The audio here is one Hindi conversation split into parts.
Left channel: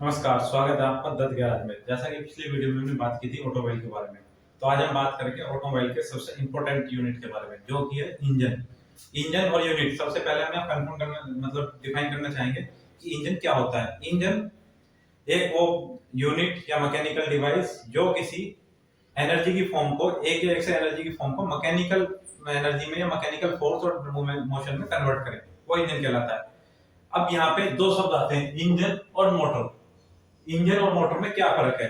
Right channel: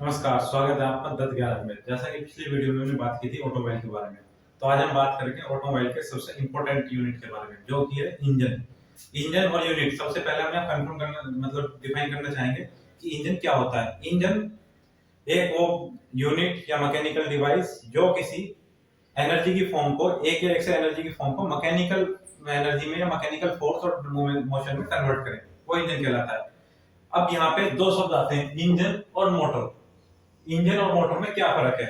नमस्कार, स्वागत है आपका दत्त गैराज में। जैसा कि पिछली वीडियो में हमने बात की थी ऑटोमोबाइल के बारे में, तो आज हम बात करेंगे ऑटोमोबाइल के सबसे इंपॉर्टेंट यूनिट के बारे में, जो कि है इंजन। इंजन और यूनिट, सबसे पहले हमें कंफर्म करना मतलब डिफाइन करना चाहेंगे कि इंजन क्या होता है। इंजन एक वो यूनिट या मैकेनिकल डिवाइस जो किसी एनर्जी की फॉर्म को, एक या एक से एनर्जी की फॉर्म को मैकेनिकल एनर्जी में या मैकेनिकल फोर्स और मोशन में कन्वर्ट करे, वो इंजन कहलाता है। अब यहाँ पे दो शब्द आते हैं, इंजन और मोटर। इंजन और मोटर में क्या फर्क है?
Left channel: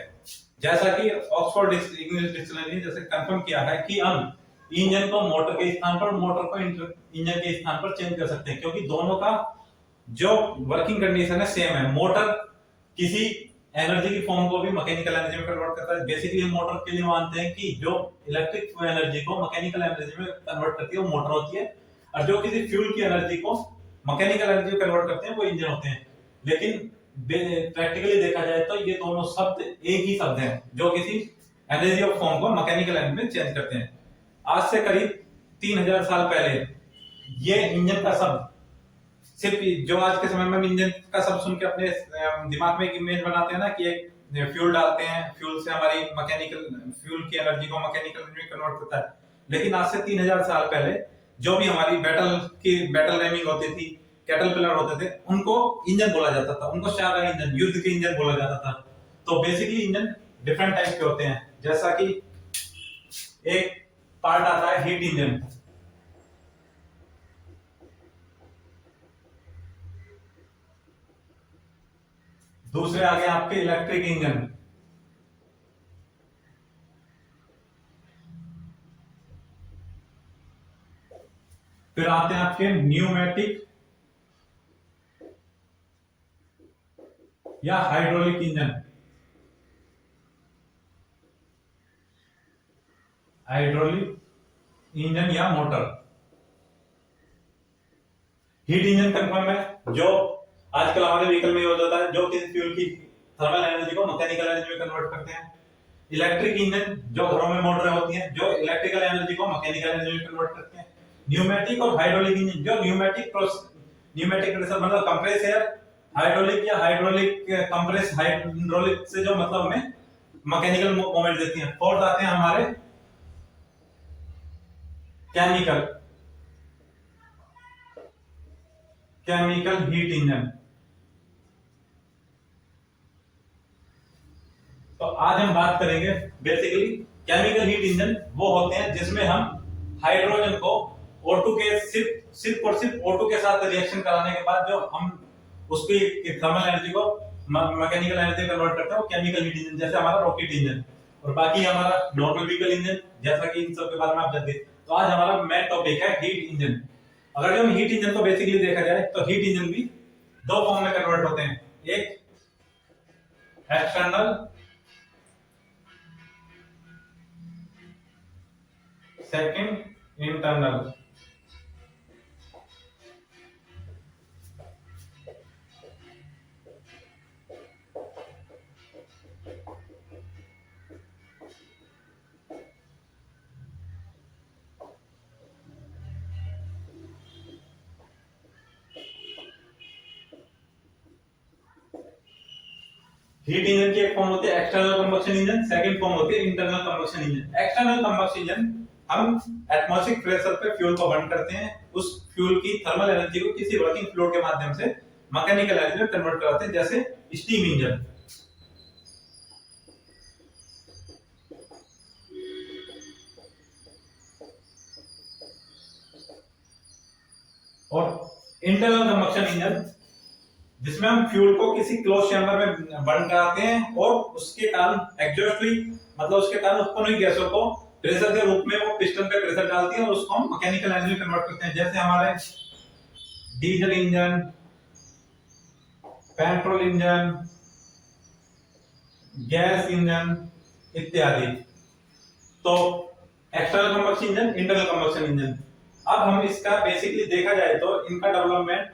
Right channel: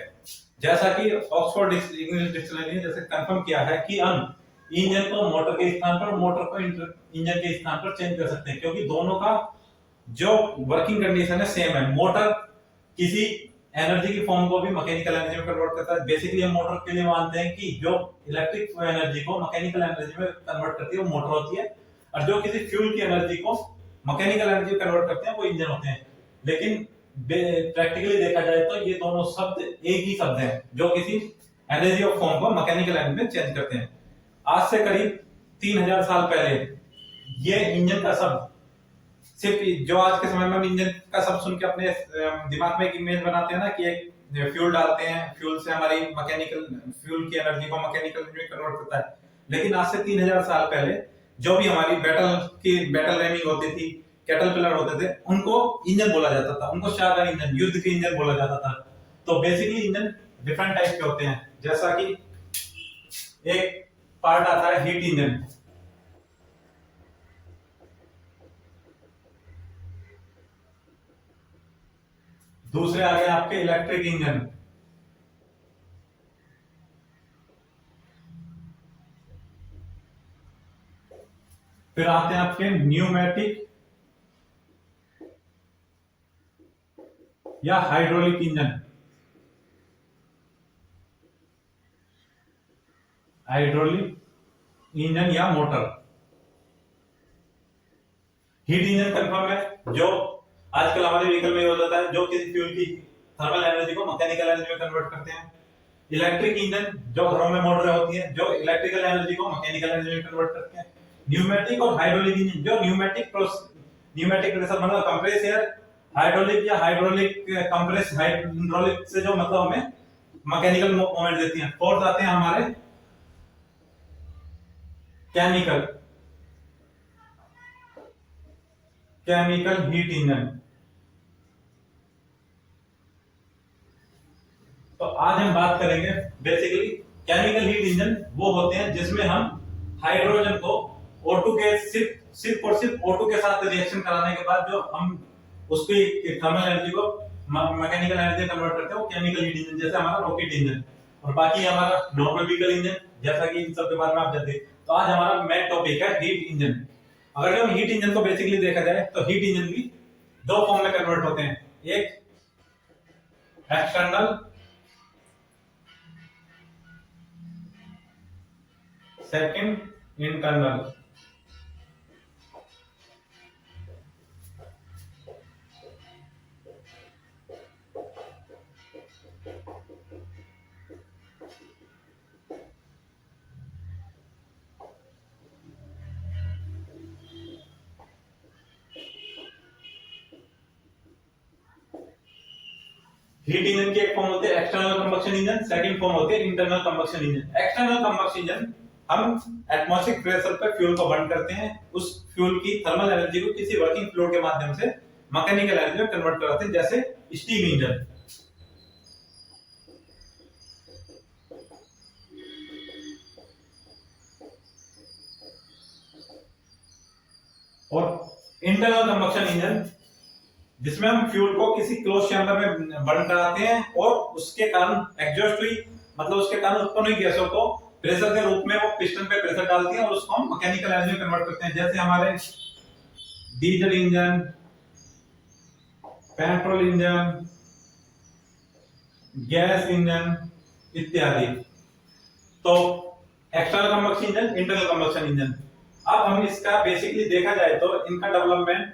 जैसा कि ऑक्सफोर्ड इंग्लिश डिक्शनरी ने जैसे कंफर्म किया है कि हम इंजन को मोटर के स्थान पर, मोटर को इंजन के स्थान पर चेंज कर सकते हैं, क्योंकि दोनों का जो वर्किंग कंडीशन है सेम है। मोटर किसी एनर्जी की फॉर्म को भी मैकेनिकल एनर्जी में कन्वर्ट करता है। बेसिकली हम मोटर के लिए मानते हैं कि जो इलेक्ट्रिक एनर्जी को मैकेनिकल एनर्जी में कन्वर्ट करती है वो मोटर होती है, और जो किसी फ्यूल की एनर्जी को मैकेनिकल एनर्जी में कन्वर्ट करते हैं वो इंजन होते हैं। लेकिन प्रैक्टिकली देखा जाए तो ये दोनों शब्द एक ही शब्द हैं, जो किसी एनर्जी ऑफ फॉर्म को मैकेनिकल एनर्जी में चेंज करते हैं। आज से करीब 3000 साल पहले ये इंजन का शब्द, सिर्फ जो आज के समय में हम इंजन का शब्द सुन के अपने दिमाग में एक इमेज बनाते हैं ना कि एक फ्यूल डालते हैं, फ्यूल से हमारी मैकेनिकल, फ्यूल की एनर्जी को मैकेनिकल में कन्वर्ट करता है। लेकिन आज से 3000 साल पहले जो भी हमारी बैटल रेमिंग होती थी, कैटरपिलर होते थे, उनको इंजन बोला जाता था, उनको शाहजहां इंजन, युद्ध के इंजन बोला जाता था। तो बेसिकली इंजन डिफरेंट टाइप के होते हैं। जैसा कि एक पार्ट आता है हीट इंजन, दूसरे आ गए आपके इलेक्ट्रिक इंजन, फिर आते हैं आपके न्यूमेटिक या हाइड्रोलिक इंजन। हाइड्रोलिक इंजन या मोटर। हीट इंजन कंफर्म है, जो आजकल हमारे व्हीकल में यूज होता है, जो किसी फ्यूल की थर्मल एनर्जी को मैकेनिकल एनर्जी में कन्वर्ट करते हैं। इलेक्ट्रिक इंजन जो घरों में मोटरें होती हैं, जो इलेक्ट्रिकल एनर्जी को मैकेनिकल एनर्जी में कन्वर्ट करते हैं। न्यूमेटिक और हाइड्रोलिक इंजन, जो न्यूमेटिक प्रेशर मतलब कंप्रेस एयर, हाइड्रोलिक या हाइड्रोलिक कंप्रेस, हाइड्रोलिक से जो मतलब हमें मैकेनिकल मूवमेंट देती हैं। फोर्थ आते हैं हमारे केमिकल केमिकल हीट इंजन। तो आज हम बात करेंगे बेसिकली केमिकल हीट इंजन वो होते हैं जिसमें हम हाइड्रोजन को O2 के सिर्फ और सिर्फ O2 के साथ रिएक्शन कराने के बाद जो हम उसकी थर्मल एनर्जी को मैकेनिकल एनर्जी में कन्वर्ट करते हैं, वो केमिकल हीट इंजन। जैसे हमारा रॉकेट इंजन, और बाकी हमारा नॉर्मल व्हीकल इंजन, जैसा कि इन सब के बारे में आप जानते हैं। तो आज हमारा मेन टॉपिक है हीट इंजन। अगर हम हीट इंजन को बेसिकली देखा जाए तो हीट इंजन भी दो फॉर्म में कन्वर्ट होते हैं, एक external, second internal. Heat engine की एक फॉर्म होती है external combustion engine, second form होती है internal combustion engine. External combustion engine हम एटमॉस्फेरिक प्रेशर पर फ्यूल को बर्न करते हैं, उस फ्यूल की थर्मल एनर्जी को किसी वर्किंग फ्लूइड के माध्यम से मैकेनिकल एनर्जी में कन्वर्ट कराते हैं, जैसे स्टीम इंजन। और इंटरनल कंबक्शन इंजन जिसमें हम फ्यूल को किसी क्लोज चैम्बर में बर्न कराते हैं, और उसके कारण एग्जॉस्ट हुई, मतलब उसके कारण उत्पन्न हुई गैसों को प्रेशर के रूप में वो पिस्टन पे प्रेशर डालती है और उसको हम मैकेनिकल एनर्जी में कन्वर्ट करते हैं। जैसे हमारे diesel engine, petrol engine, gas engine इत्यादि। तो external combustion engine, internal combustion engine. अब हम इसका बेसिकली देखा जाए तो इनका डेवलपमेंट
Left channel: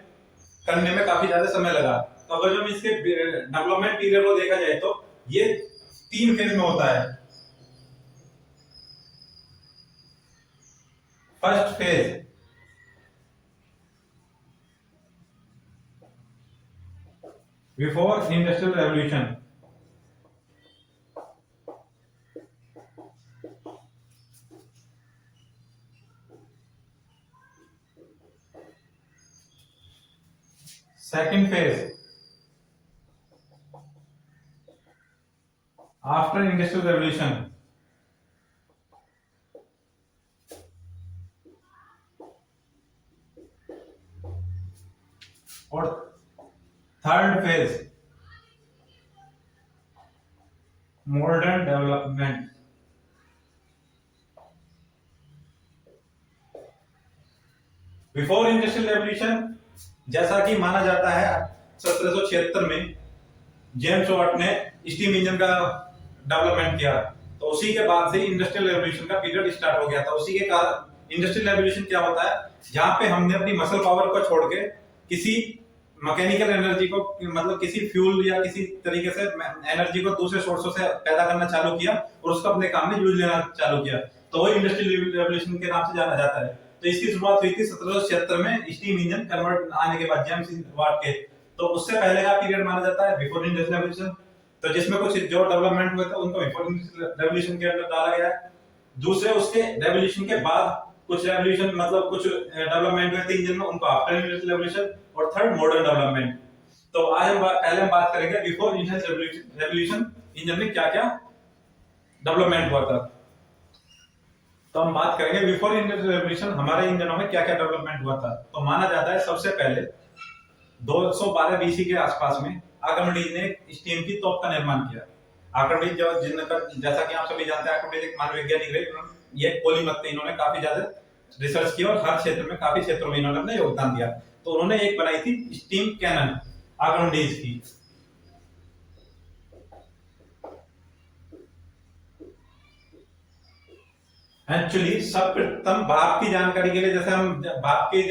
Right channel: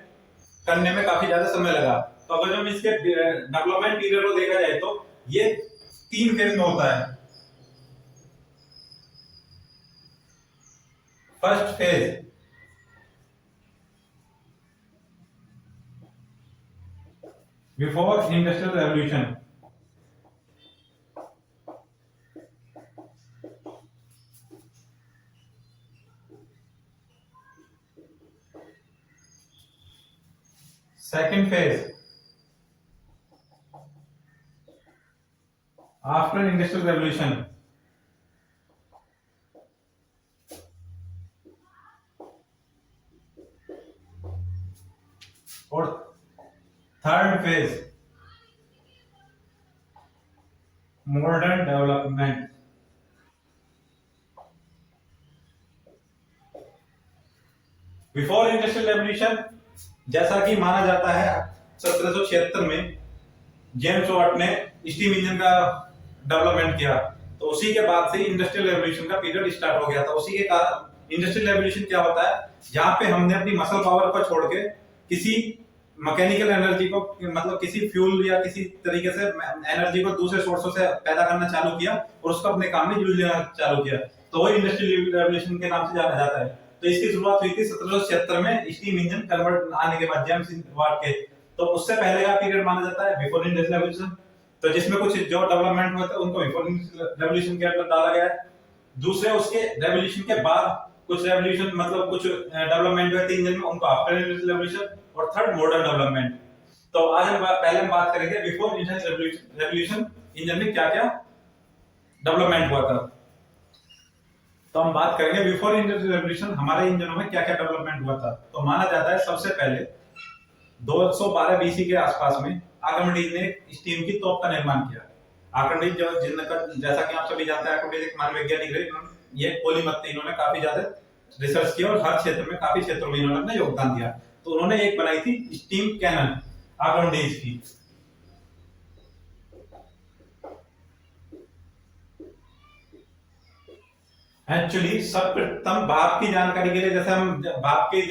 करने में काफी ज्यादा समय लगा। तो अगर हम इसके डेवलपमेंट पीरियड को देखा जाए तो ये 3 फेज में होता है। First phase before industrial revolution. Second phase after industrial revolution. और third phase modern development. Before industrial revolution जैसा कि माना जाता है 1776 में जेम्स वाट ने स्टीम इंजन का डेवलपमेंट किया, तो उसी के बाद से इंडस्ट्रियल रेवोल्यूशन का पीरियड स्टार्ट हो गया था। उसी के कारण इंडस्ट्रियल रेवोल्यूशन क्या होता है, जहां पे हमने अपनी मसल पावर को छोड़ के किसी मैकेनिकल एनर्जी को, मतलब किसी फ्यूल या किसी तरीके से एनर्जी को दूसरे सोर्सों से पैदा करना चालू किया और उसको अपने काम में यूज लेना चालू किया, तो वो इंडस्ट्रियल रेवोल्यूशन के नाम से जाना जाता है। तो इसकी शुरुआत हुई थी 1776 में स्टीम इंजन कन्वर्ट आने के बाद जेम्स वाट के। तो उससे पहले का पीरियड माना जाता है बिफोर इंडस्ट्रियल रेवोल्यूशन, तो जिसमें कुछ जो डेवलपमेंट हुए थे उनको बिफोर रेवोल्यूशन के अंदर डाला गया है। दूसरे उसके रेवोल्यूशन के बाद कुछ रेवोल्यूशन, मतलब कुछ डेवलपमेंट हुए थे इंजन में, उनको आफ्टर इंडस्ट्रियल रेवोल्यूशन। और थर्ड मॉडर्न डेवलपमेंट। तो आज हम पहले हम बात करेंगे बिफोर इंडस्ट्रियल रेवोल्यूशन इंजन में क्या क्या डेवलपमेंट हुआ था। तो हम बात करेंगे बिफोर इंडस्ट्रियल रेवोल्यूशन हमारे इंजनों में क्या क्या डेवलपमेंट हुआ था। तो माना जाता है सबसे पहले 212 बीसी के आसपास में आर्किमिडीज ने स्टीम की तोप का निर्माण किया। आर्किमिडीज जो जिनका, जैसा कि आप सभी जानते हैं, आर्किमिडीज एक महान वैज्ञानिक है। ये पॉलीमैथ थे, इन्होंने काफी ज्यादा रिसर्च किया और हर क्षेत्र में, काफी क्षेत्रों में इन्होंने अपना योगदान दिया। तो उन्होंने एक बनाई थी स्टीम कैनन आर्किमिडीज की। एक्चुअली सर्वप्रथम भाप की जानकारी के लिए, जैसे हम भाप के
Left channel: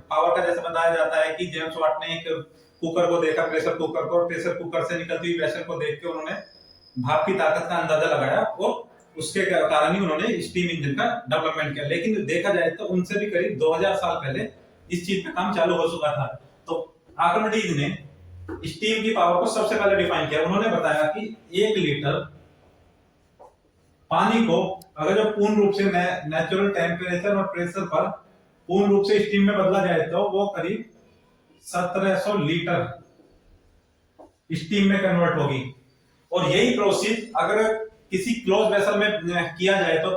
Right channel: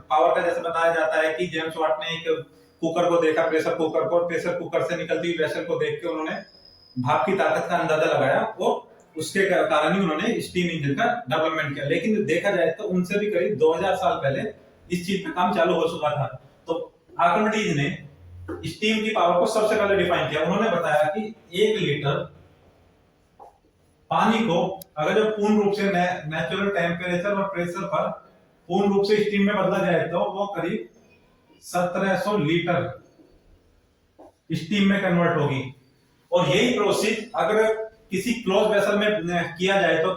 पावर का जैसे बताया जाता है कि जेम्स वाट ने एक कुकर को देखा, प्रेशर कुकर को, प्रेशर कुकर से निकलती हुई वेसल को देख के उन्होंने भाप की ताकत का अंदाजा लगाया और उसके कारण ही उन्होंने स्टीम इंजन का डेवलपमेंट किया। लेकिन देखा जाए तो उनसे भी करीब 2000 साल पहले इस चीज पे काम चालू हो चुका था। तो आर्किमिडीज ने स्टीम की पावर को सबसे पहले डिफाइन किया। उन्होंने बताया कि 1 लीटर पानी को अगर जो पूर्ण रूप से नेचुरल टेम्परेचर और प्रेशर पर पूर्ण रूप से स्टीम में बदला जाए तो वो करीब 1700 लीटर स्टीम में कन्वर्ट होगी। और यही प्रोसेस अगर किसी क्लोज वेसल में किया जाए तो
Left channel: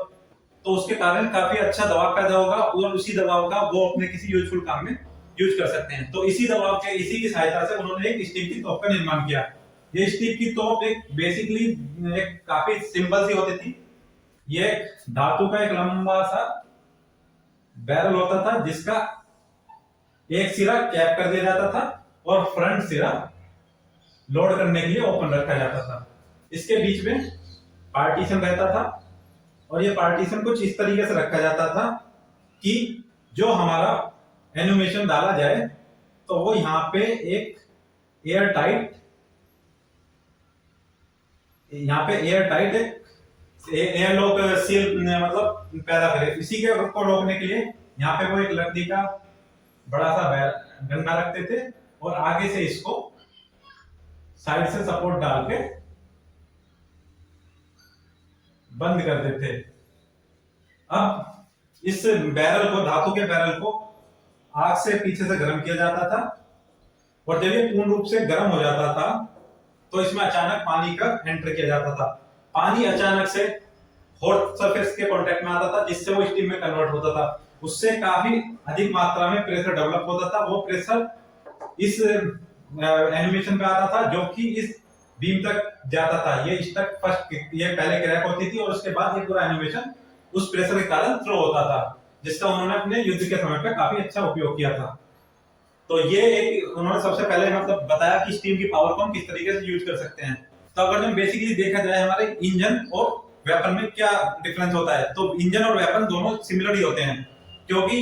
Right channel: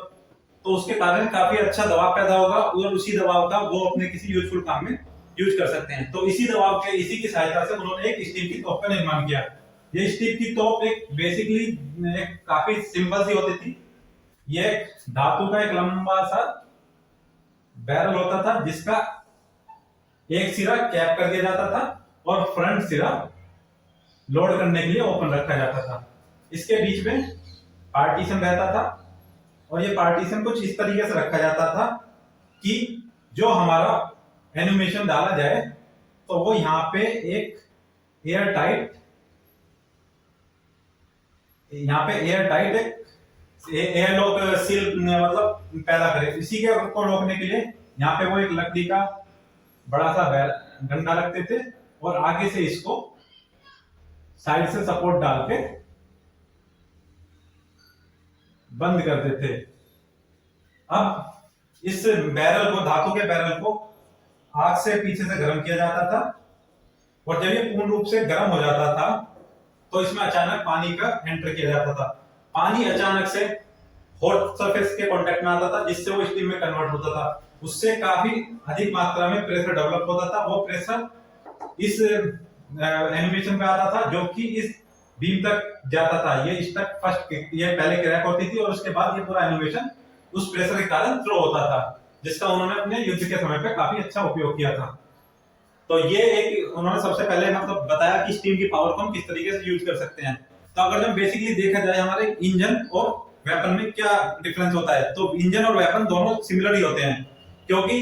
उसके कारण काफी अच्छा दबाव पैदा होगा और उसी दबाव का वो अपने किसी यूजफुल काम में यूज कर सकते हैं। तो इसी दबाव के, इसी की सहायता से उन्होंने एक स्टीम की तोप का निर्माण किया। ये स्टीम की तोप एक बेसिकली एक काफी सिंपल सी होती थी। ये धातु का एक लंबा सा बैरल होता था जिसका एक सिरा कैप कर दिया जाता था और फ्रंट सिरा लोड करने के लिए ओपन रखा जाता था। इसके बीच में पार्टीशन रहता था और ये पार्टीशन कुछ इस तरीके से रखा जाता था कि जो हमारा एनिमेशन डाला जाए तो वो यहाँ पे एक एयर टाइट एक एयर लॉक सील मतलब पैदा करे। इसी के को रोकने के लिए यहाँ पे वो एक लकड़ी का बड़ा सा डंडा रखते थे और आगे से इसको साइड से सपोर्ट डाल के बंद करते थे। अब इस बैरल को, धातु के बैरल को आग से पीछे से गर्म किया जाता था और जब ये पूर्ण रूप से गर्म हो जाता था तो इसमें अचानक पानी का एंटर किया जाता था। पानी अचानक से हॉट सरफेस के कांटेक्ट में आता था जिससे वो स्टीम में कन्वर्ट होता था। उससे काफी अधिक मात्रा में प्रेशर डेवलप होता था। वो प्रेशर इस एनिमेशन पे आता था जो कि इस बीम तक जाता था। ये स्टक फर्स्ट, ये पहले क्रैक होती थी और उसके बाद ये पूरा एनिमेशन उस प्रेशर के कारण थ्रो होता था, जिसका उन्होंने अपने युद्ध के समय पे काफी अच्छा उपयोग किया था। तो ये एक उन्होंने सबसे पहले मतलब बताया कि स्टीम की पावर को हम किस तरीके से यूज कर सकते हैं। तो अगर हम बेसिकली देखा जाए हमारे इंजन और वेपन में क्या डिफरेंस होता है, तो इंजन और वेपन दोनों सिमिलर ही होते हैं, क्योंकि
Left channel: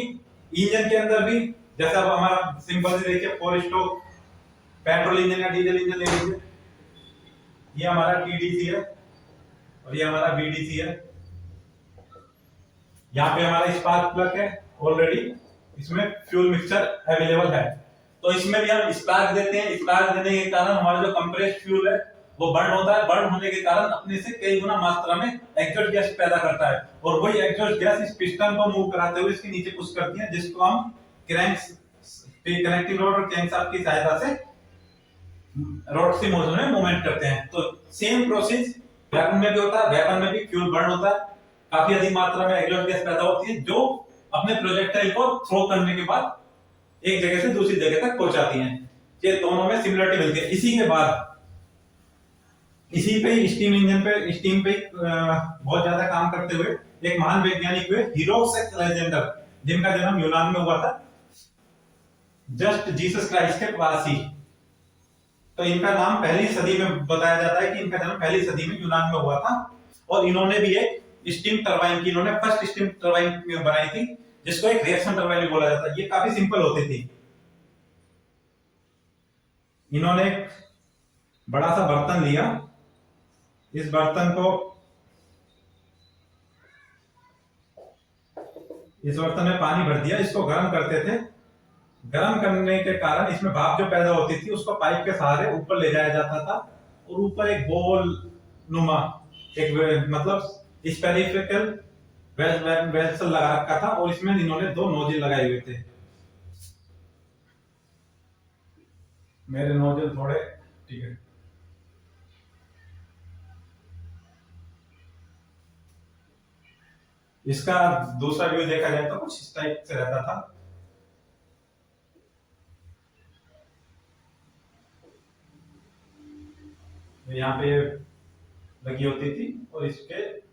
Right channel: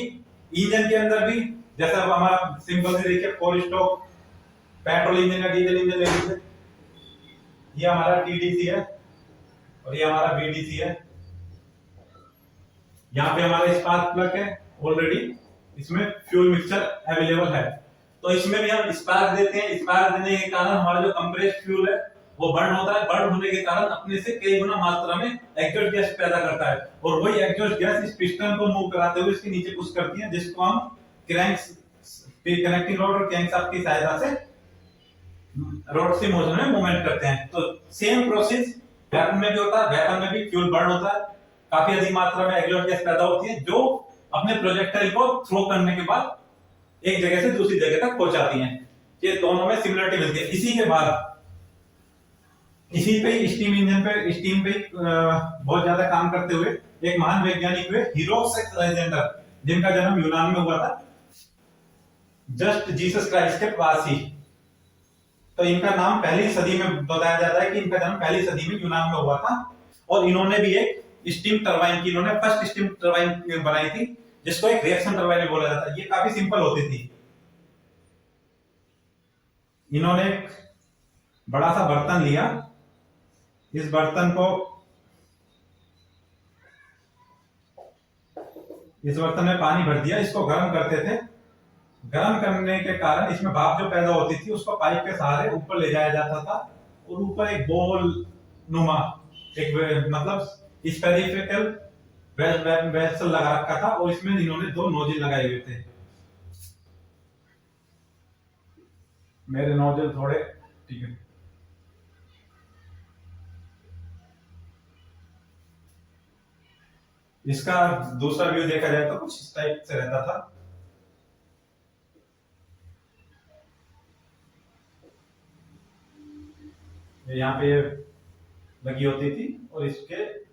इंजन के अंदर भी जैसा हमारा सिंपल से देखिए 4 स्ट्रोक पेट्रोल इंजन या डीजल इंजन ले लीजिए, ये हमारा टीडीसी है और ये हमारा बीडीसी है। यहाँ पे हमारा स्पार्क प्लग है, ऑलरेडी इसमें फ्यूल मिक्सचर अवेलेबल है। तो तो इसमें भी हम स्पार्क देते हैं, स्पार्क देने के कारण हमारा जो कंप्रेस्ड फ्यूल है वो बर्न होता है, बर्न होने के कारण अपने से कई गुना मात्रा में एग्जॉस्ट गैस पैदा करता है, और वही एग्जॉस्ट गैस इस पिस्टन को मूव कराते हुए इसके नीचे पुश करती है, जिसको हम क्रैंक्स पे कनेक्टिंग रॉड और क्रैंकशाफ्ट की सहायता से रॉड की मोशन में मूवमेंट करते हैं। तो सेम प्रोसेस वेपन में भी होता है, वेपन में भी फ्यूल बर्न होता है, काफी अधिक मात्रा में एग्जॉस्ट गैस पैदा होती है जो अपने प्रोजेक्टाइल को थ्रो करने के बाद एक जगह से दूसरी जगह तक पहुंचाती हैं। ये दोनों में सिमिलरिटी मिलती है। इसी के बाद इसी पे स्टीम इंजन पे स्टीम पे बहुत ज्यादा काम करते हुए एक महान वैज्ञानिक हुए हीरोसेक्स अलेक्जेंडर, जिनका जन्म यूनान में हुआ था, जस्ट जीसस क्राइस्ट के पास ही। तो इनका नाम पहली सदी में बताया जाता है कि इनका जन्म पहली सदी में यूनान में हुआ था, और इन्होंने भी एक स्टीम टरबाइन की इन्होंने फर्स्ट स्टीम टरबाइन बनाई थी, जिसको एक रिएक्शन टरबाइन भी बोला जाता है। ये काफी सिंपल होती थी। इन्होंने एक बड़ा सा बर्तन लिया, इस बर्तन में पानी भर दिया, इसको गर्म करते थे। गर्म करने के कारण इसमें भाप जो पैदा होती थी उसको पाइप के सहारे ऊपर ले जाया जाता था, और ऊपर एक गोल नुमा एक मतलब स्फेरिकल वेसल लगा रखा था, और इसमें इन्होंने दो नोजल लगाए हुए थे। मेरे नोजल थोड़े ठीक है। इसका दूसरा व्यू देखा जाए तो कुछ इस टाइप से रहता था। यहाँ पे लगी होती थी, और इसके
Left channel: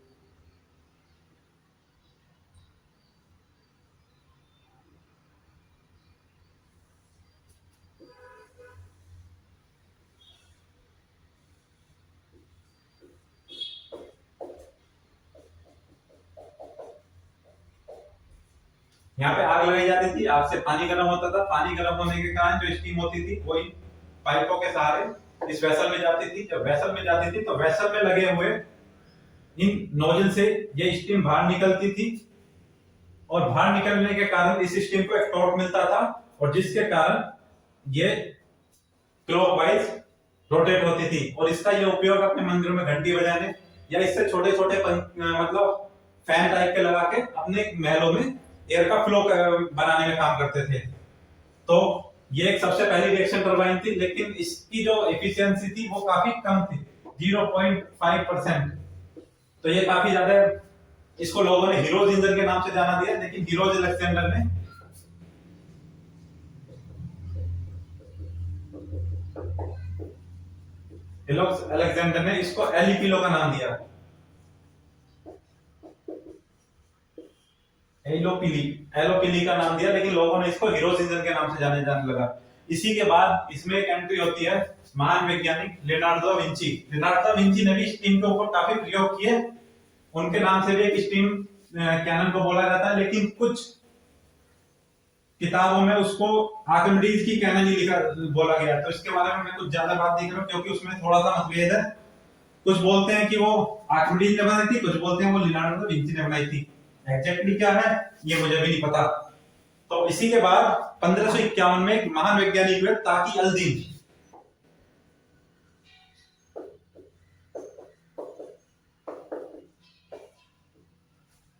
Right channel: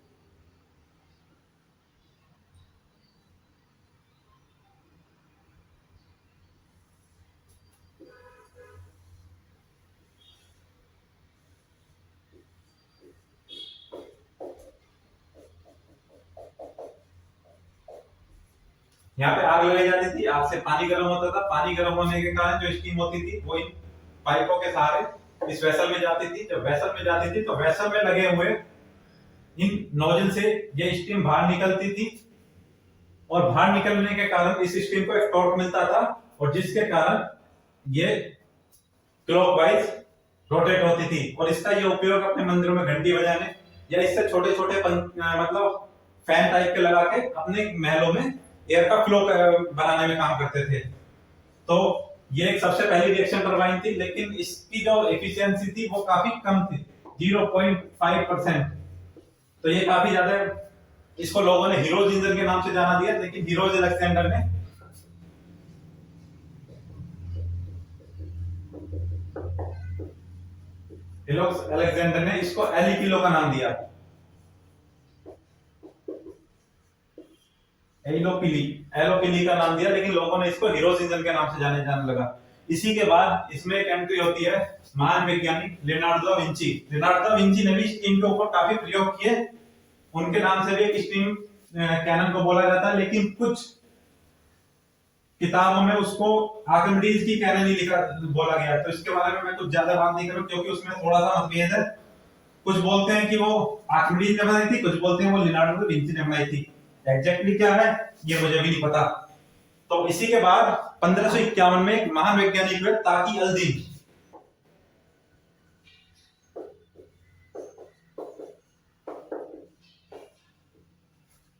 यहाँ पे आग लगाई जाती थी, आग से पानी गर्म होता था, पानी गर्म होने के कारण जो स्टीम होती थी वो इन पाइपों के सहारे इस वेसल में जाती थी। जब वेसल में जाती थी तो वेसल में लगे हुए इन नोजल से ये स्टीम बाहर निकलती थी, और बाहर निकलने के कारण इस स्टीम को एक टॉर्क मिलता था, और जिसके कारण ये क्लॉकवाइज रोटेट होती थी। और इसका ये उपयोग अपने मंदिरों में घंटी बजाने या इससे छोटे छोटे मतलब फैन टाइप के लगा के अपने महलों में एयर का फ्लो बनाने में काम करते थे। तो ये एक सबसे पहली रिएक्शन टरबाइन थी, लेकिन इसकी जो एफिशिएंसी थी वो काफी कम थी, 0.5%। तो ये काफी ज्यादा, इसको लोगों ने हीरोज इंजन के नाम से जाना दिया, लेकिन हीरोज अलेक्जेंडर ने इसको एलिपिलो का नाम दिया, एलोपिली का नाम दिया, लेकिन लोगों ने इसको हीरोज इंजन के नाम से जाने लगा। इसी के बाद इसमें एक एंट्री होती है महान वैज्ञानिक Leonardo da Vinci. Leonardo da Vinci ने भी स्टीम के ऊपर काफी प्रयोग किए, उनके नाम से भी एक स्टीम कैनन को बोला जाता है, लेकिन कुछ किताबों में उसको आर्किमिडीज की कैनन ही लिखा बोला गया। तो इसके बारे में मैं कुछ ज्यादा बात नहीं करूं, क्योंकि उसमें थोड़ा सा मतभेद है। कुछ बोलते हैं कि वो आर्किमिडीज ने बनाई थी, कुछ बोलते हैं वो लियोनार्डो दा विंची ने बनाई थी। एग्जैक्टली क्या है ये मुझे भी नहीं पता। तो इसी के बाद 1551 में एक महान वैज्ञानिक हुए ताकी अल-दीन।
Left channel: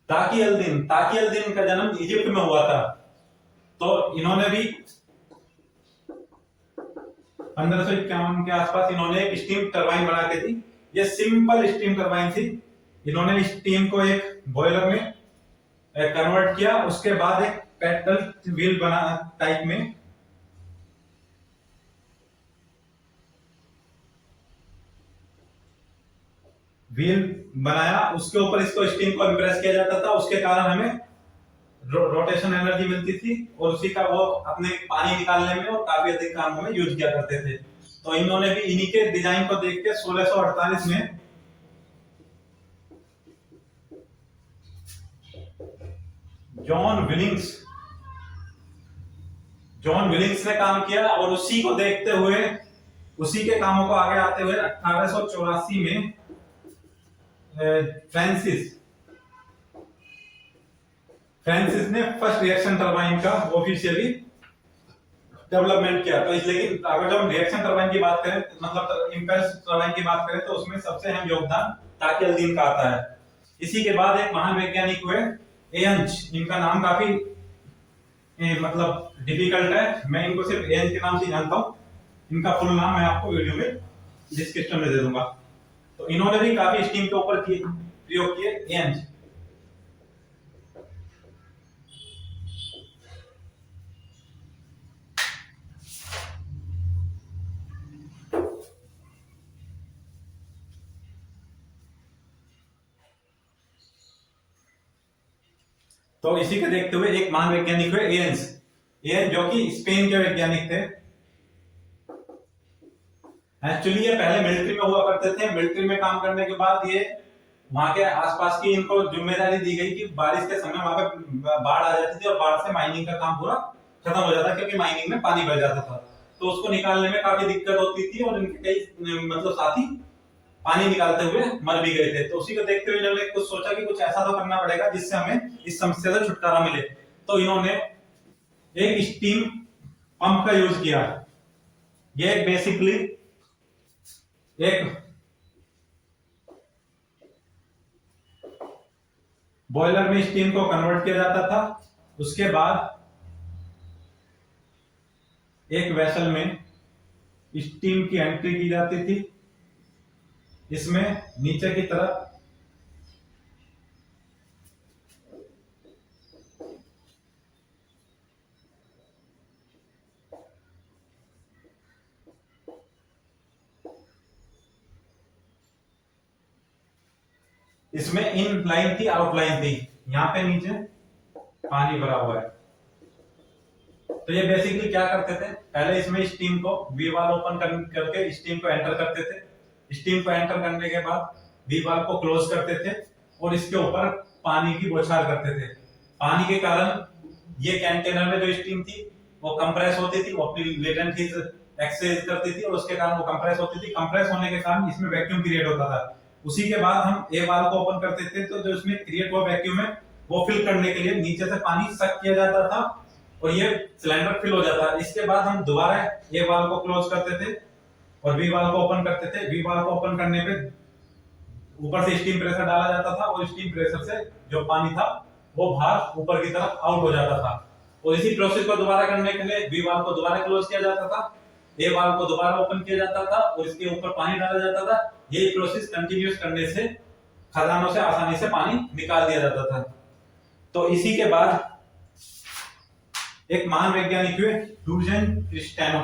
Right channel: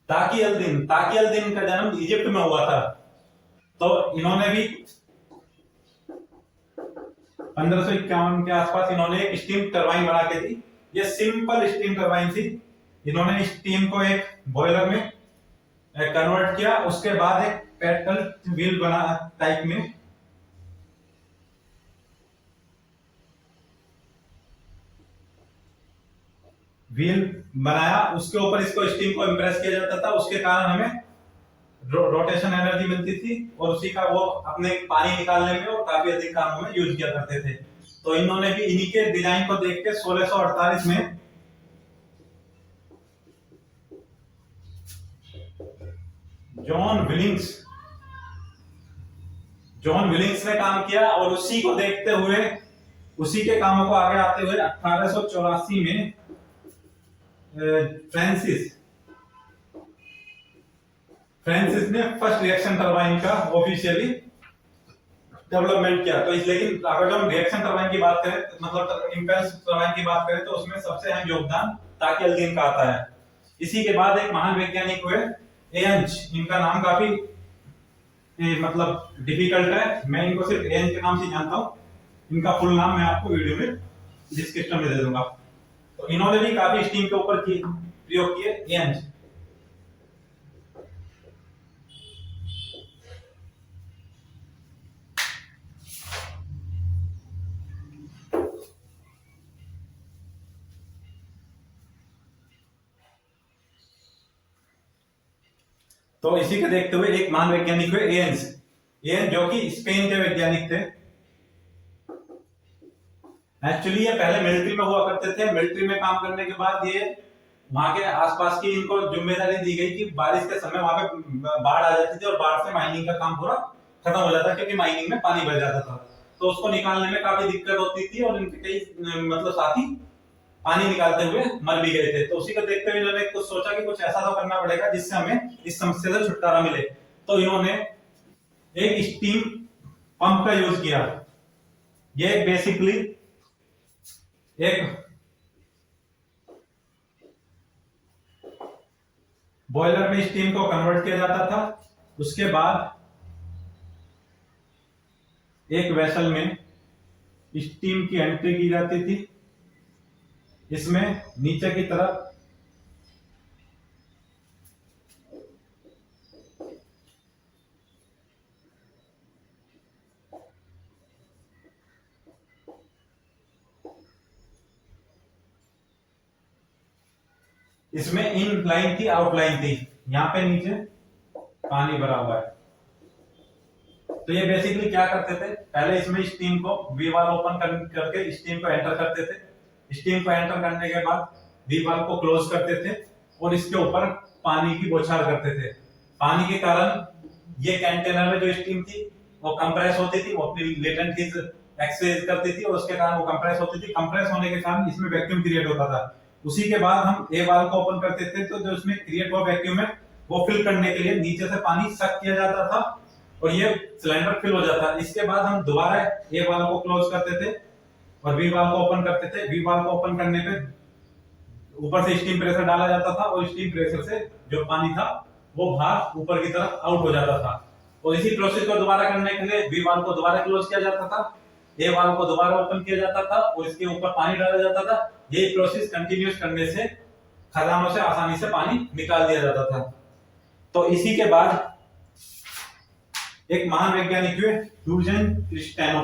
ताकी अल-दीन का जन्म इजिप्ट में हुआ था। तो इन्होंने भी 1551 के आसपास इन्होंने एक स्टीम टरबाइन बना के दी। ये सिंपल स्टीम टरबाइन थी। इन्होंने स्टीम को एक बॉयलर में कन्वर्ट किया, उसके बाद एक पैडल व्हील बना टाइप में व्हील बनाया, उसके ऊपर इसको स्टीम को इंप्रेस किया जाता था, उसके कारण हमें रोटेशन एनर्जी मिलती थी, और उसी का वो अपने पानी निकालने में और काफी अधिक कामों में यूज किया करते थे। तो इन्होंने भी इन्हीं के डिजाइन को देख के 1648 में जॉन विलिंग्स ने काम किया, और उसी को देखते हुए उसी के कामों को आगे आते हुए 1884 में फ्रांसिस ने फर्स्ट रिएक्शन टरबाइन का ऑफिशियली डेवलपमेंट किया। तो इस लेकिन अगर जब हम रिएक्शन टरबाइन की बात करें मतलब इंपल्स टरबाइन की बात करें तो उसमें सबसे अहम योगदान ताकियल्दीन का आता है। इसी के बाद एक महान वैज्ञानिक हुए एयंज, इनका नाम काफी मतलब डिफिकल्ट है, मैं इनको सिर्फ एयंज के नाम से जानता हूँ। इनका फुल नाम मैं आपको वीडियो में डिस्क्रिप्शन में दे दूंगा। तो इन्होंने भी काफी स्टीम के ऊपर प्रयोग किए एयंज। तो इसी के देखते हुए एक महान वैज्ञानिक हुए एयंज, एयंज जो कि स्पेन के वैज्ञानिक थे। एक्चुअली ये पहले मिलिट्री में हुआ करते थे। मिलिट्री में काम करने के बाद ये वहां के आसपास की इनको जिम्मेदारी दी गई कि बारिश के समय वहां पे बाढ़ आ जाती थी और बाढ़ से माइनिंग का काम पूरा खत्म हो जाता, क्योंकि माइनिंग में पानी भर जाता था। तो उसको निकालने में काफी दिक्कत होती थी और इनके कई मतलब साथी पानी निकालते हुए मर भी गए थे। तो उसी को देखते हुए इन्होंने कुछ सोचा कि कुछ ऐसा तो करना पड़ेगा जिससे हमें इस समस्या से छुटकारा मिले। तो इन्होंने एक स्टीम पंप का यूज किया। ये बेसिकली एक बॉयलर में स्टीम को कन्वर्ट किया जाता था। उसके बाद एक वेसल में स्टीम की एंट्री की जाती थी। इसमें नीचे की तरफ इसमें इन लाइन थी, आउट लाइन थी। यहां पे नीचे पानी भरा हुआ है। तो ये बेसिकली क्या करते थे, पहले इसमें स्टीम को वी वाल ओपन करके स्टीम को एंटर करते थे। स्टीम को एंटर करने के बाद वी वाल को क्लोज करते थे और इसके ऊपर पानी की बौछार करते थे। पानी के कारण ये कंटेनर में जो स्टीम थी वो कंप्रेस होती थी, वो अपनी लेटेंट हीट एक्सचेंज करती थी और उसके कारण वो कंप्रेस होती थी। कंप्रेस होने के कारण इसमें वैक्यूम क्रिएट होता था। उसी के बाद हम ए वाल को ओपन करते थे तो जो इसमें क्रिएट हुआ वैक्यूम है वो फिल करने के लिए नीचे से पानी सक किया जाता था और ये सिलेंडर फिल हो जाता है। इसके बाद हम दोबारा ए वाल को क्लोज करते थे और वी वाल को ओपन करते थे। वी वाल को ओपन करने पे ऊपर से स्टीम प्रेशर डाला जाता था और स्टीम प्रेशर से जो पानी था वो बाहर ऊपर की तरफ आउट हो जाता था। और इसी प्रोसेस को दोबारा करने के लिए वी वाल को दोबारा क्लोज किया जाता था, ए वाल को दोबारा ओपन किया जाता था और इसके ऊपर पानी डाला जाता था। ये प्रोसेस कंटिन्यूस करने से खदानों से आसानी से पानी निकाल दिया जाता था। तो इसी के बाद एक महान वैज्ञानिक हुए यूजेन क्रिस्टियानो।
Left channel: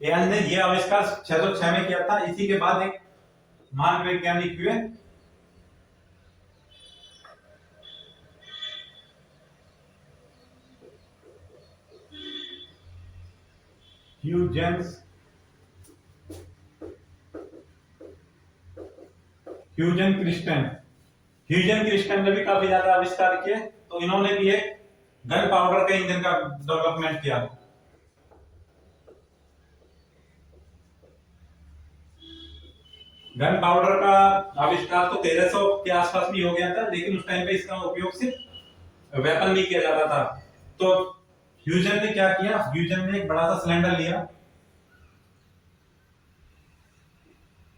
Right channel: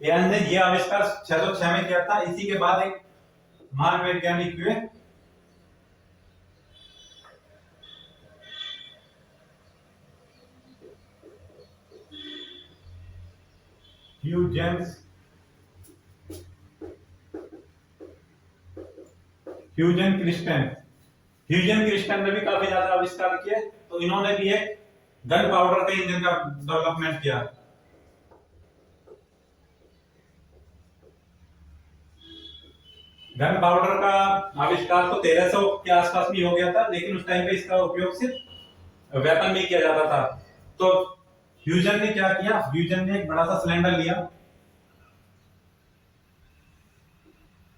ने ये आविष्कार 606 में किया था। इसी के बाद एक महान वैज्ञानिक हुए ह्यूजन क्रिस्टियन। ह्यूजन क्रिस्टियन ने भी काफी ज्यादा आविष्कार किए। तो इन्होंने भी एक गन पाउडर के इंजन का डेवलपमेंट किया। गन पाउडर का आविष्कार तो 1300 के आसपास भी हो गया था, लेकिन उस टाइम पे इसका उपयोग सिर्फ वेपन में किया जाता था। तो ह्यूजन ने क्या किया, ह्यूजन ने एक बड़ा सा सिलेंडर लिया,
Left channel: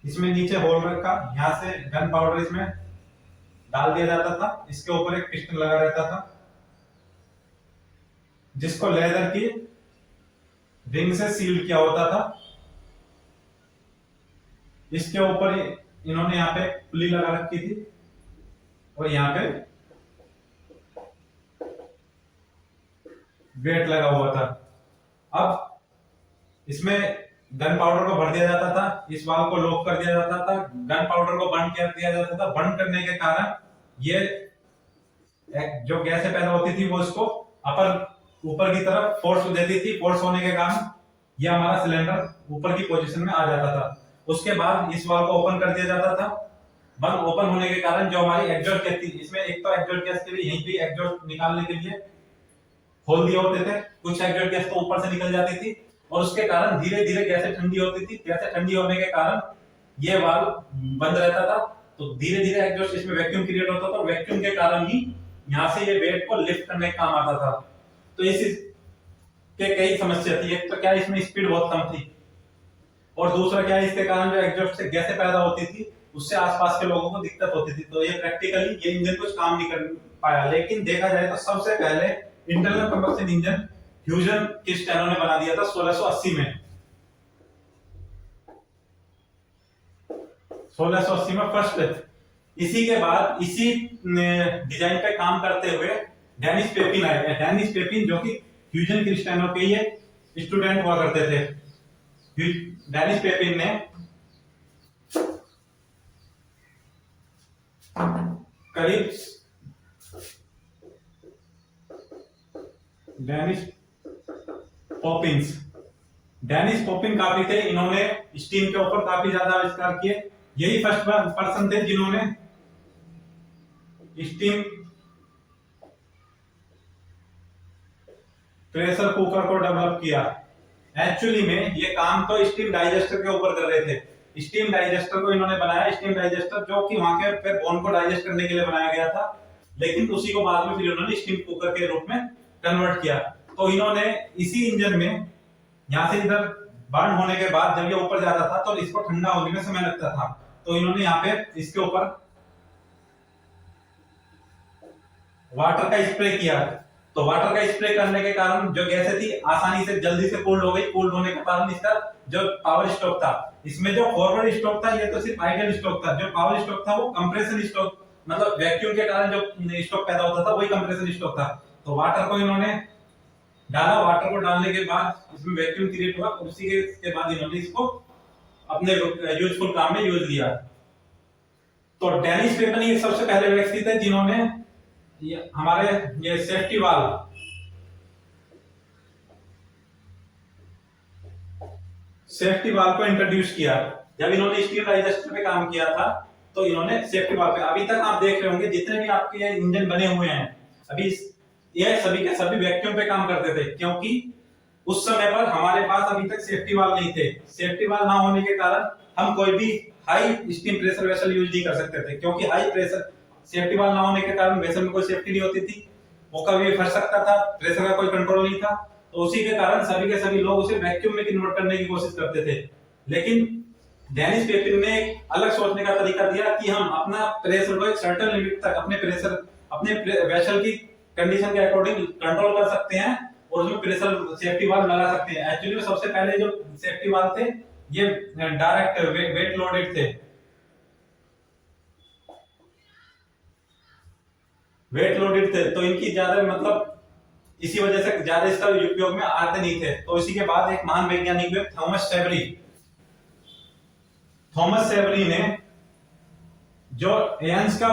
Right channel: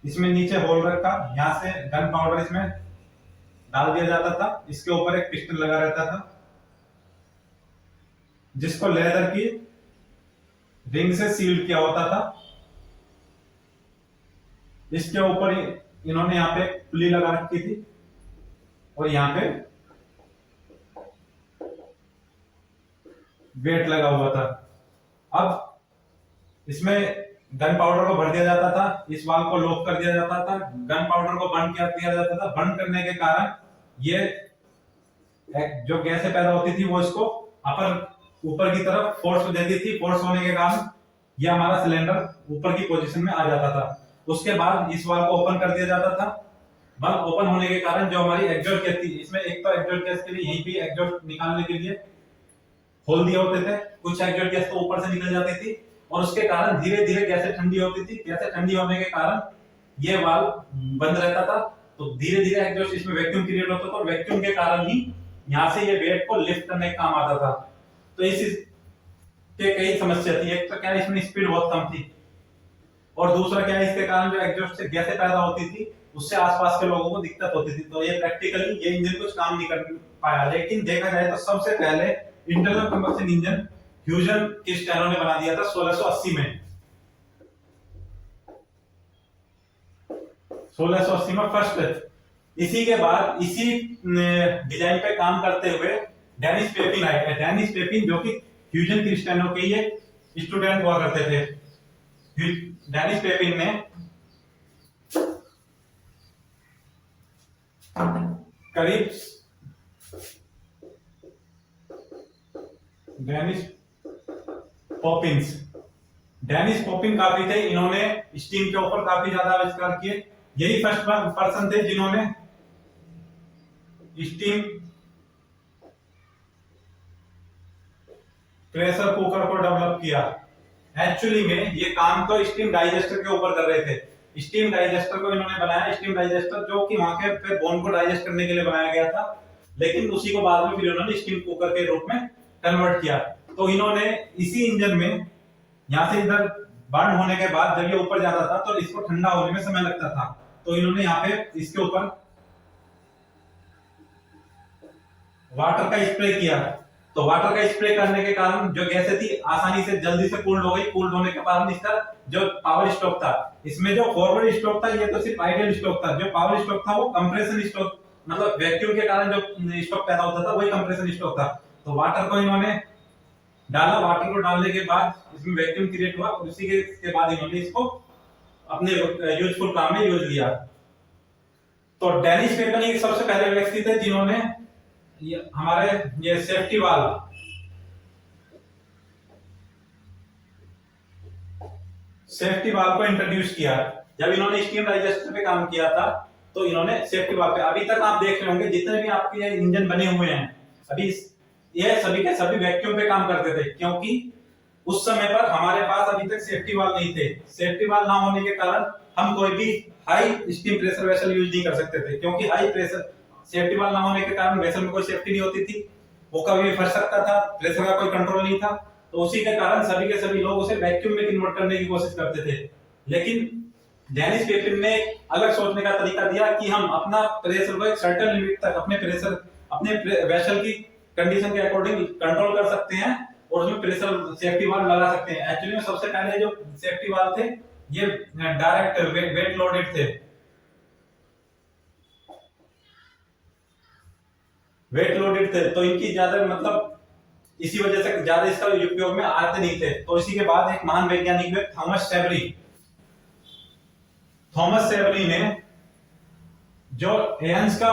इसमें नीचे होल रखा, यहां से गन पाउडर इसमें डाल दिया जाता था। इसके ऊपर एक पिस्टन लगा रहता था जिसको लेदर की रिंग से सील किया होता था। इसके ऊपर इन्होंने यहाँ पे पुली लगा रखी थी और यहाँ पे वेट लगा हुआ था। अब इसमें गन पाउडर को भर दिया जाता था, इस वाल्व को लॉक कर दिया जाता था, गन पाउडर को बंद कर दिया जाता था। बंद करने के कारण ये जो गैसें पैदा होती थी वो इसको ऊपर की तरफ फोर्स देती थी। फोर्स होने के कारण ये हमारा सिलेंडर ऊपर की पोजीशन में आ जाता था। उसके बाद इस वाल्व को ओपन कर दिया जाता था। बंद ओपन होने के कारण जो हमारी एग्जॉस्ट गैस थी, इसमें एक तो एग्जॉस्ट गैस के लिए यहीं पे एग्जॉस्ट निकालने के लिए खोल दिए होते थे, कुछ एग्जॉस्ट गैस तो ऊपर से निकल जाती थी और उसके कारण धीरे धीरे गैसें ठंडी होती थी। गैसें ठंडी होने के कारण ये वाल्व बंद रहता था तो धीरे धीरे एग्जॉस्ट इसमें वैक्यूम क्रिएट होता था और वैक्यूम के कारण ही यहाँ से ये वेट को लिफ्ट करने का काम आता था। तो इस के कई समस्या थी। एक तो क्या इसमें स्पीड बहुत कम थी और दूसरा क्या है इसके कारण जो एग्जॉस्ट से गैसें पैदा होती थी उससे आसपास के लोगों को दिक्कत होती थी। तो ये प्रैक्टिकली ये इंजन कुछ काम नहीं कर पाया। लेकिन देखा जाए तो सबसे पहले इंटरनल कंबशन इंजन ह्यूजन किस्टेनो ने बना दिया था 1680 में। 1680 में फर्स्ट। इसी के बाद इसी डिजाइन पे काम करते हुए डेनिस पेपिन आए। डेनिस पेपिन जो कि ह्यूजन क्रिस्टियानो के ही स्टूडेंट हुआ करते थे। डेनिस पेपिन ने करीब डेनिस पॉपिन काफी थे। इन्होंने स्टीम के ऊपर काफी ज्यादा आविष्कार किए। यही फर्स्ट पर्सन थे जिन्होंने स्टीम प्रेशर कुकर को डेवलप किया। एक्चुअली में ये काम तो स्टीम डाइजेस्टर के ऊपर कर रहे थे। स्टीम डाइजेस्टर को इन्होंने बनाया, स्टीम डाइजेस्टर जो कि वहां के फिर बोन को डाइजेस्ट करने के लिए बनाया गया था। लेकिन उसी को बाद में फिर इन्होंने स्टीम कुकर के रूप में कन्वर्ट किया। तो इन्होंने इसी इंजन में यहाँ से इधर बर्न होने के बाद जब ये ऊपर जाता था तो इसको ठंडा होने में समय लगता था। तो इन्होंने यहाँ पे इसके ऊपर वाटर का स्प्रे किया। तो वाटर का स्प्रे करने के कारण जो गैसें थी आसानी से जल्दी से कूल्ड हो गई। कूल्ड होने के कारण इसका जो पावर स्ट्रोक था, इसमें जो फॉरवर्ड स्ट्रोक था ये तो सिर्फ आइडियल स्ट्रोक था। जो पावर स्ट्रोक था वो कंप्रेशन स्ट्रोक, मतलब वैक्यूम के कारण जो स्ट्रोक पैदा होता था वही कंप्रेशन स्ट्रोक था। तो वाटर को इन्होंने डाला। वाटर को डालने के बाद इसमें वैक्यूम क्रिएट हुआ। उसी के बाद इन्होंने इसको अपने यूजफुल काम में यूज लिया। तो डेनिस पेपिन ही सबसे पहले व्यक्ति थे जिन्होंने हमारे ये सेफ्टी वाल्व को इंट्रोड्यूस किया। जब इन्होंने स्टीम डाइजेस्टर पे काम किया था तो इन्होंने सेफ्टी वाल्व पे, अभी तक आप देख रहे होंगे जितने भी आपके इंजन बने हुए हैं अभी ये सभी के सभी वैक्यूम पे काम करते थे, क्योंकि उस समय पर हमारे पास अभी तक सेफ्टी वाल्व नहीं थे। सेफ्टी वाल्व ना होने के कारण हम कोई भी high steam pressure vessel use नहीं कर सकते थे, क्योंकि हाई प्रेशर सेफ्टी वाल्व ना होने के कारण वेसल में कोई सेफ्टी नहीं होती थी, वो कभी भी फंस सकता था, प्रेशर का कोई कंट्रोल नहीं था। तो उसी के कारण सभी के सभी लोग उसे वैक्यूम में कन्वर्ट करने की कोशिश करते थे। लेकिन डेनिस पेपिन ने एक अलग सोचने का तरीका दिया कि हम अपना प्रेशर को एक सर्टेन लिमिट तक अपने प्रेशर अपने वेसल की कंडीशन के अकॉर्डिंग कंट्रोल कर सकते हैं और उसमें प्रेशर सेफ्टी वाल्व लगा सकते हैं। एक्चुअली में सबसे पहले जो सेफ्टी वाल्व थे ये डायरेक्ट वेट लोडेड थे। वेट लोडेड थे तो इनकी ज्यादा मतलब इसी वजह से ज्यादा इसका उपयोग में आते नहीं थे। तो इसी के बाद एक महान वैज्ञानिक हुए थॉमस सेवरी ने जो एयंस का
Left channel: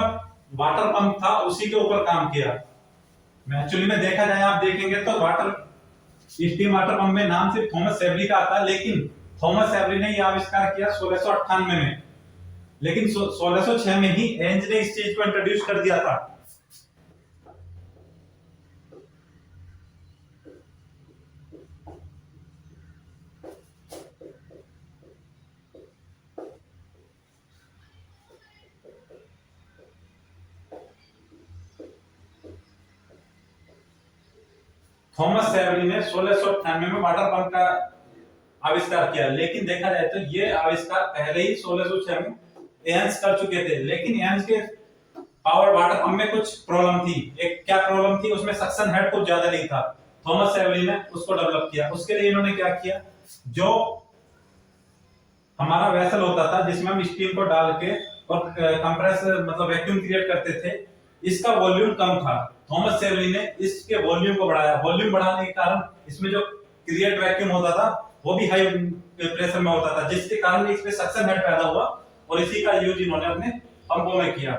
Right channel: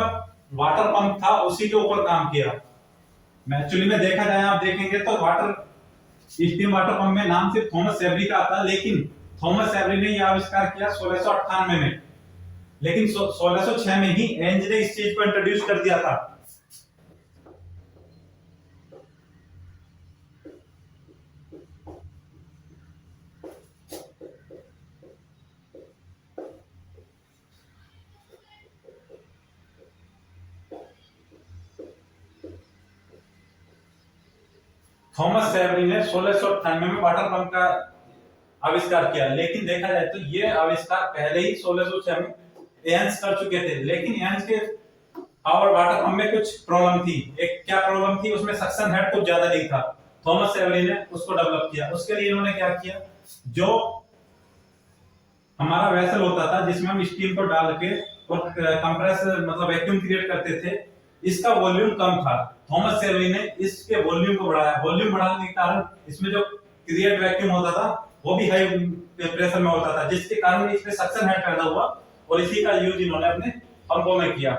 वाटर पंप था उसी के ऊपर काम किया। एक्चुअली में देखा जाए आप देखेंगे तो स्टीम वाटर पंप में नाम सिर्फ थॉमस सेवरी का आता है, लेकिन थॉमस सेवरी ने यह आविष्कार किया 1698 में। लेकिन 1606 में ही एयंस ने इस चीज को इंट्रोड्यूस कर दिया था। थॉमस सेवरी ने 1698 में वाटर पंप का आविष्कार किया। लेकिन देखा जाए तो ये आविष्कार पहले ही 1606 में एयंस कर चुके थे। लेकिन एयंस के पावर वाटर पंप में कुछ प्रॉब्लम थी। एक क्या प्रॉब्लम थी, उसमें सक्शन हेड कुछ ज्यादा नहीं था। थॉमस सेवरी ने उसको डेवलप किया। उसके लिए इन्होंने क्या किया, जो हमारा वेसल होता था जिसमें हम स्टीम को डाल के और कंप्रेस मतलब वैक्यूम क्रिएट करते थे, इसका वॉल्यूम कम था। थॉमस सेवरी ने इसके वॉल्यूम को बढ़ाया। वॉल्यूम बढ़ाने के कारण इसमें जो क्रिएट वैक्यूम होता था वो भी हाई प्रेशर में होता था, जिसके कारण इसमें सक्शन हेड पैदा हुआ और इसी का यूज इन्होंने अपने पंपों में किया।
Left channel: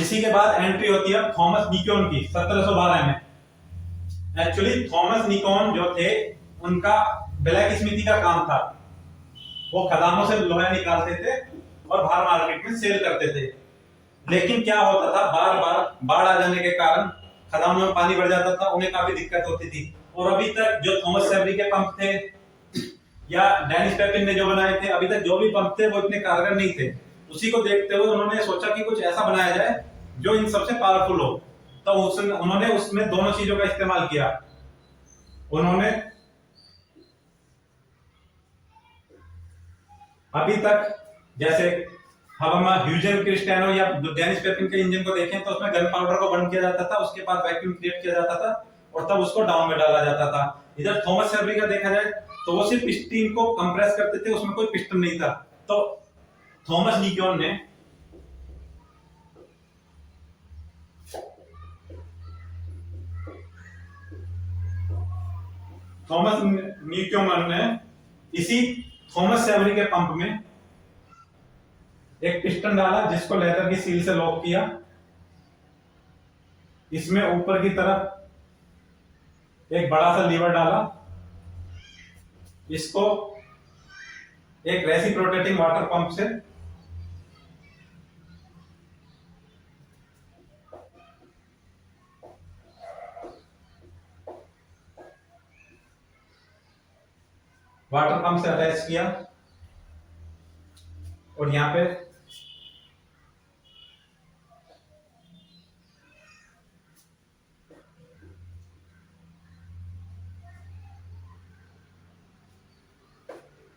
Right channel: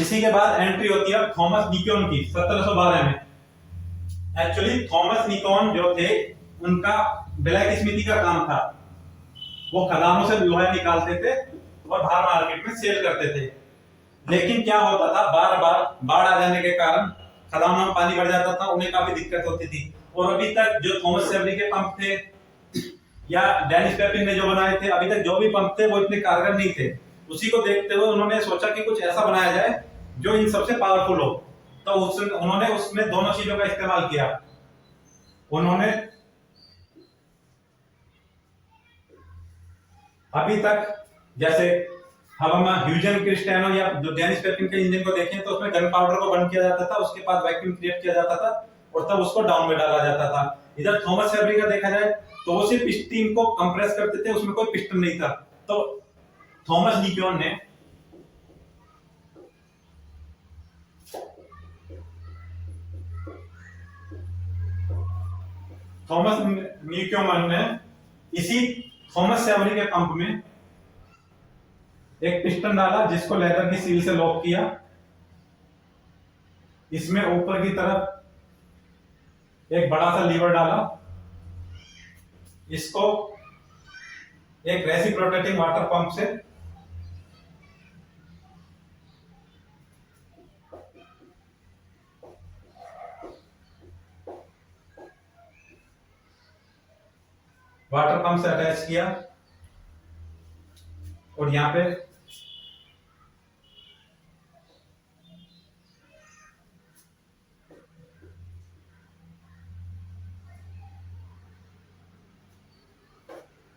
इसी के बाद एंट्री होती है थॉमस निकोन की 1712 में। एक्चुअली थॉमस निकोन जो थे उनका ब्लैक स्मिथी का काम था। वो खदानों से लोहा निकालते थे और बाहर मार्केट में सेल करते थे। लेकिन क्या होता था, बार बार बाढ़ आ जाने के कारण खदानों में पानी भर जाता था, उन्हें काफी दिक्कत होती थी। और अभी तक जो थॉमस सेवरी के पंप थे या डेनिस पेपिन ने जो बनाए थे, अभी तक जो भी पंप थे वो इतने कारगर नहीं थे। उसी को देखते हुए उन्होंने सोचा कि कुछ ऐसा बनाया जाए जो इन सबसे पावरफुल हो। तो उन्होंने उसमें दोनों चीजों का इस्तेमाल किया। उन्होंने अभी तक जैसे हम ह्यूजन क्रिस्टियानो या डेनिस पेपिन के इंजन को देखें तो उसमें गन पाउडर को बर्न किया जाता था, उसके बाद वैक्यूम क्रिएट किया जाता था और तब उसको डाउन में डाला जाता था। इधर थॉमस शेल्बी का देखा जाए तो वो सिर्फ स्टीम को कंप्रेस करते थे, उसमें कोई पिस्टन नहीं था। तो थॉमस न्यूकोमन ने इसी थॉमस शेल्बी के पंप में एक पिस्टन डाला जिसको लेदर की सील से लॉक किया। इसमें ऊपर की तरफ एक बड़ा सा लीवर डाला, इसको एक रेसिप्रोकेटिंग वाटर पंप से अटैच किया और यहां पे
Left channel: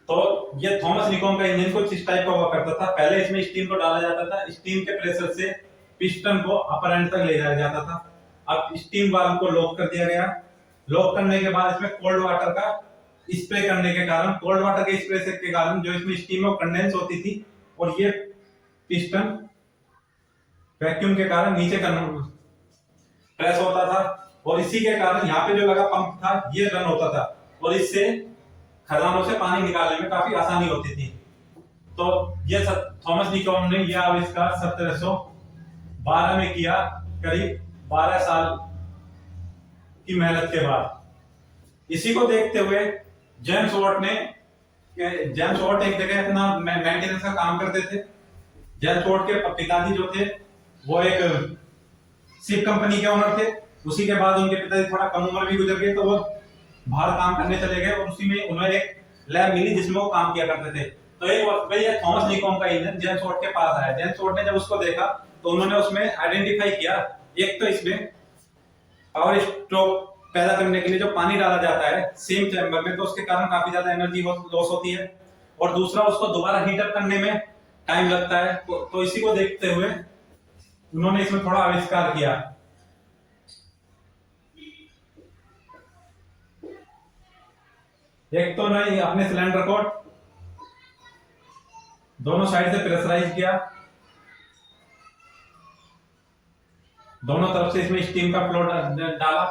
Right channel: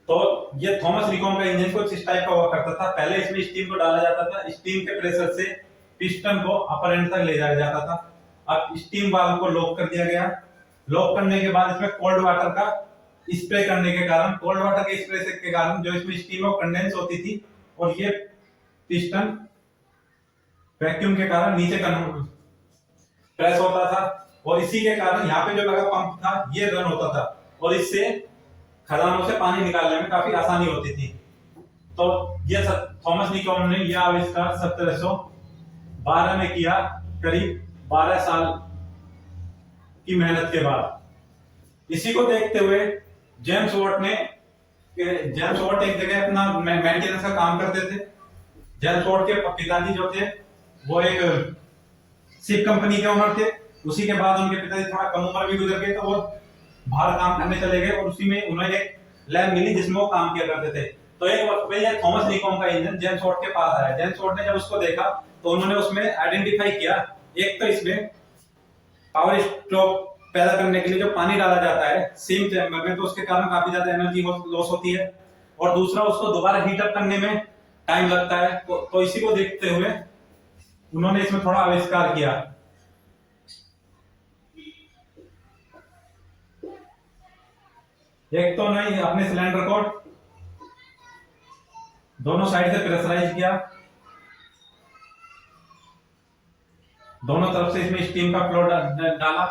तो ये थॉमस निकोम का इंजन कुछ इस टाइप का हुआ करता था। पहले इसमें स्टीम को डाला जाता था, स्टीम के प्रेशर से पिस्टन को अपर एंड तक ले जाया जाता था। अब स्टीम वाल्व को लॉक कर दिया गया। लॉक करने के बाद इसमें कोल्ड वाटर का स्प्रे करने के कारण, कोल्ड वाटर के स्प्रे के कारण जो इसमें स्टीम और कंडेंस होती थी और ये पिस्टन वैक्यूम के कारण नीचे प्रेस होता था और इसी के कारण यहाँ पे जो लगा पंप था ये रन होता था और इससे खदानों से पानी निकालने में काफी आसानी होती थी। तो ये थॉमस निकोम ने यह आविष्कार 1712 में किया, करीब 12 साल की मेहनत के बाद। इसी को देखते हुए जेम्स वॉट एक जगह अपना मेंटेनेंस का काम करते थे। जेम्स वॉट के पिताजी जो थे वो एक शिप कंपनी के ओनर थे। उसी के बाद उनके पिताजी थोड़ा कम उम्र भी गुजर गए तो वो बाहर काम करने चले गए और उसी में उन्हें एक लैब मिली जिसमें वो काम किया करते थे। तो एक वक्त पे ये थॉमस निकोम का इंजन जेम्स वॉट के पास आया। जेम्स वॉट ने जब उसको देखा तो उन्होंने उसमें आइडेंटिफाई किया, एक तो इसमें पावर स्ट्रोक पैदा करने के लिए जो पानी डाला जाता है सेम चैम्बर में तो उसके कारण काफी ज्यादा एनर्जी लॉस होती है और दूसरा उसको दोबारा हीट अप करने में टाइम लगता है। तो इसी को देखते हुए उन्होंने इसमें थोड़ा आविष्कार किया। एक तो नहीं अपने सिलेंडर को दोनों साइड से प्रेशराइज किया, दोनों तरफ से इसमें स्टीम का फ्लो डाला।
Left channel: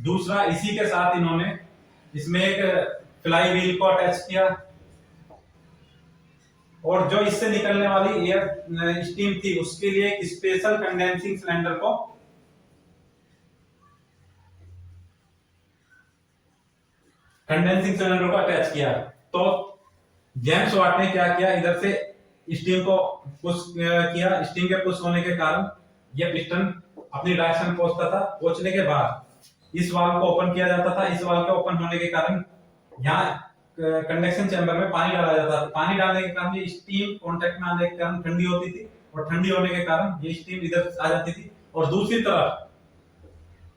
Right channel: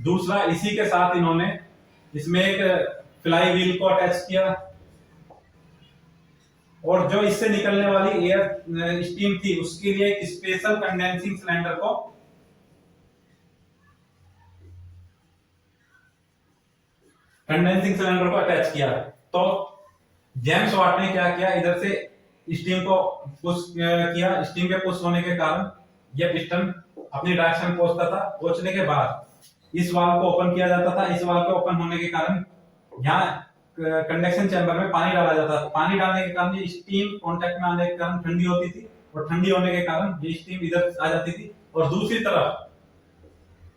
दूसरा इसी के साथ इन्होंने इसमें एक फ्लाई व्हील को अटैच किया और जो इससे निकलने वाली एयर स्टीम थी उसके लिए एक स्पेशल कंडेंसिंग सिलेंडर को अटैच किया। तो जेम्स वाट ने क्या किया, इधर से स्टीम को पुश किया। स्टीम के पुश होने के कारण यह पिस्टन अपनी डायरेक्शन पहुंचता था। पहुंचने के बाद इस वाल्व को ओपन किया जाता था। इस वाल्व के ओपन होने के कारण यहाँ कंडक्शन चैम्बर में पानी डाला जाता था। पानी डालने के कारण ये स्टीम कांटेक्ट में आने के कारण ठंडी होती थी और ठंडी होने के कारण ये स्टीम इधर आ जाती थी और दूसरी तरफ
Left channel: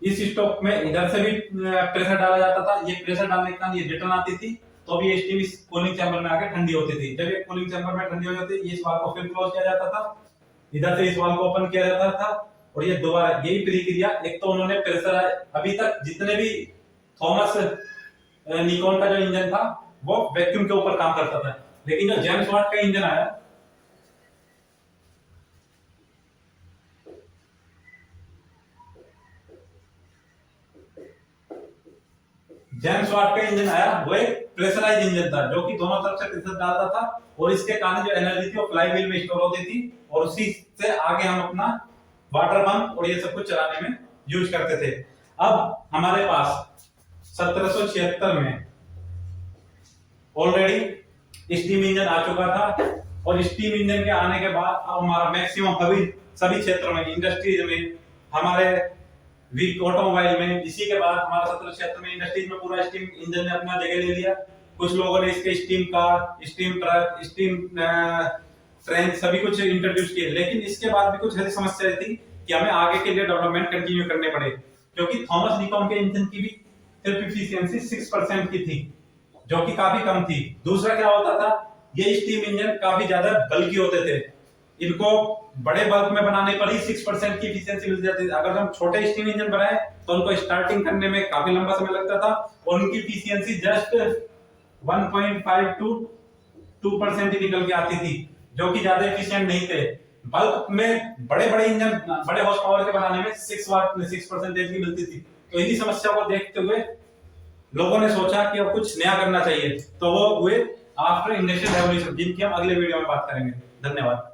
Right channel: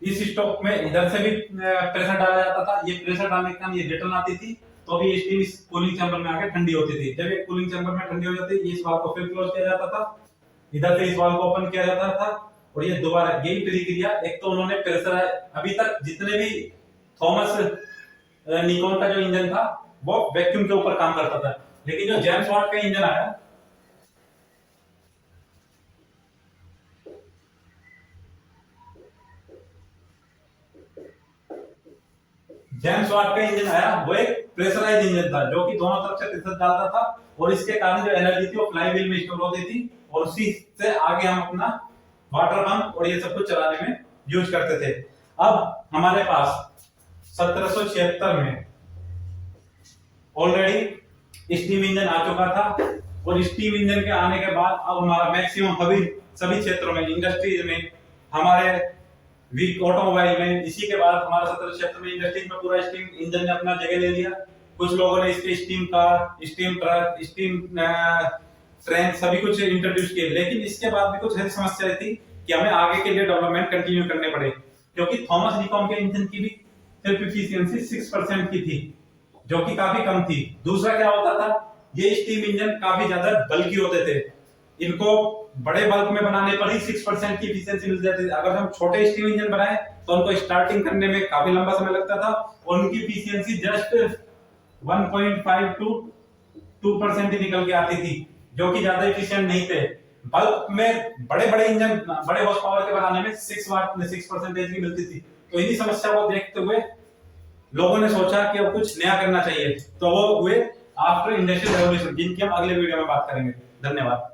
इस स्टोक में इधर से भी प्रेशर डाला जाता था। ये प्रेशर डालने के कारण ये रिटर्न आती थी तो भी ये स्टीम इस कूलिंग चैम्बर में आके ठंडी होती थी। जब ये कूलिंग चैम्बर में ठंडी हो जाती थी इस वाल्व को फिर क्लोज किया जाता था, इधर से इस वाल्व को ओपन किया जाता था और ये दोबारा यही प्रक्रिया। एक तो उन्होंने प्रेशर, अभी तक जितने भी थॉमस निकोन का जो इंजन था वो वैक्यूम के ऊपर काम करता था, लेकिन जो जेम्स वाट का इंजन आया वो एक प्रेशराइज इंजन था जो कि दोनों तरफ से प्रेशर डालता था और इसके कारण जो एनर्जी थी वो फ्लाई व्हील में स्टोर होती थी और उसी से आगे हम अपना वाटर पंप और ये सब कुछ चलाने में यूज करते थे। अब हमारे पास 1776 में ऑलरेडी स्टीम इंजन आ चुका था और स्टीम इंजन के आने के बाद अब हमारा मैक्सिमम सभी क्षेत्रों में, इंडस्ट्रीज में, हमारे वीक ऑटोमोबाइल में, इसी के बाद हमारा 1776 में इंडस्ट्रीज में पूरा स्टीम इंजन ने अपना जगह ले लिया। कुछ लोगों ने इसके steam car, steam truck, steam train सभी कुछ इंट्रोड्यूस किए, लेकिन इसके बाद भी कुछ ऐसी समस्याएं थी कि हमें आगे के लिए डेवलपमेंट कंटिन्यू करने पड़े, क्योंकि थॉमस डिकॉम के इंजन की भी सिर्फ इफिशियंसी 6% की थी, जो कि काफी कम थी। दूसरा क्या होता था, ये स्टीम इंजन काफी ज्यादा बल्कि होते थे, इनको बड़े बल्क में बनाने पर ही 6% की एफिशिएंसी मिल जाती थी। अगर हम छोटे स्टीम इंजन बनाए तो उनको स्टार्टिंग करने में काफी लंबा समय लगता था और उनकी एफिशिएंसी जस्ट 1.5 टू 2% ही निकल के आती थी, जो कि ज्यादा एफिशिएंट नहीं थे। बल्क में बड़े बड़े इंजन, बड़े हॉर्स पावर के बनाने में 6% की मिलती थी। तो इन्हीं समस्या को देखते हुए लोगों ने सोचा कि अब कुछ नया करना चाहिए, तो वो हुए आफ्टर इंडस्ट्रियल रेवोल्यूशन, जिनकी हम अगले वीडियो में बात करेंगे। धन्यवाद।